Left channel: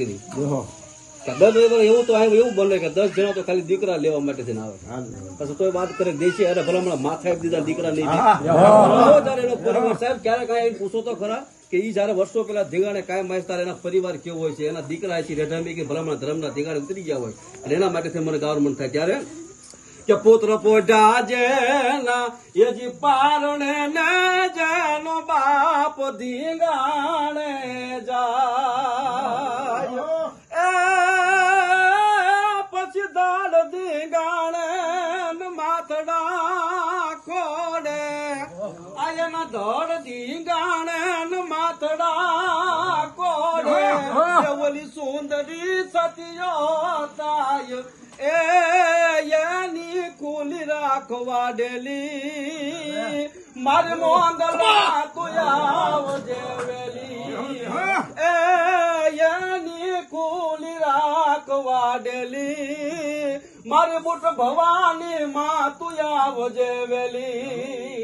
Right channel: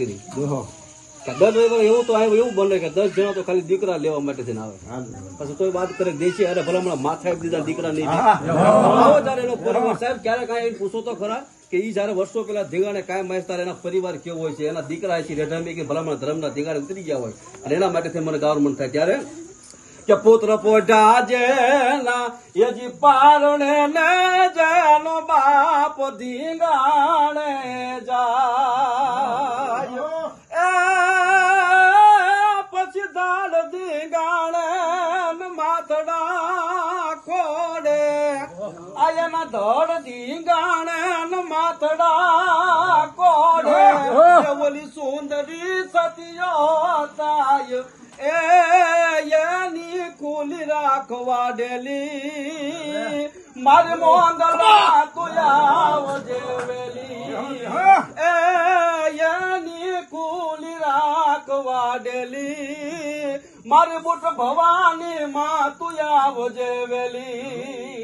કરી. જો કે દસ એવું તો એવું બોલે કે દસ જણા તો ખાલી દીકરા લેવા માટે થઈને આવે. પછી કોઈ વાત કરે દેશી અરે ભલા માથા આપી દીધા દીકરા નહીં દે. આવો ત્યારે એનો પરિવાર. સાહેબ ક્યારે કાંઈ પૂછો તો ખરા કે ઈ જયારે વર્ષો પેલા ધીગાણે કાયમ માસ એના પરિવાર કેવો હોય છે? એના દીકરા છે રેઢામી કે ભલામણ ધર્મના ધીગાણે ઉતરી ગયા હોય. અને એના માટે મને ગવર્મેન્ટ થાય. ત્યારે કે પુત્ર પોઢા જેના યજી પારણે ને જેનો બાપ ધીંગાણે માથડા ખોડે. આયના ધડ ધીંગાણે માથડા કોડે ઓલી સુંદરી સતિયો તાય. એ એની કુલી રાખવા ડેલી. મારી મોંગલા તું આવજે વેલી. એ એની કુલી રાખવા ડેલી. મારી બુટ ભવાની માં તું આવજે વેલી.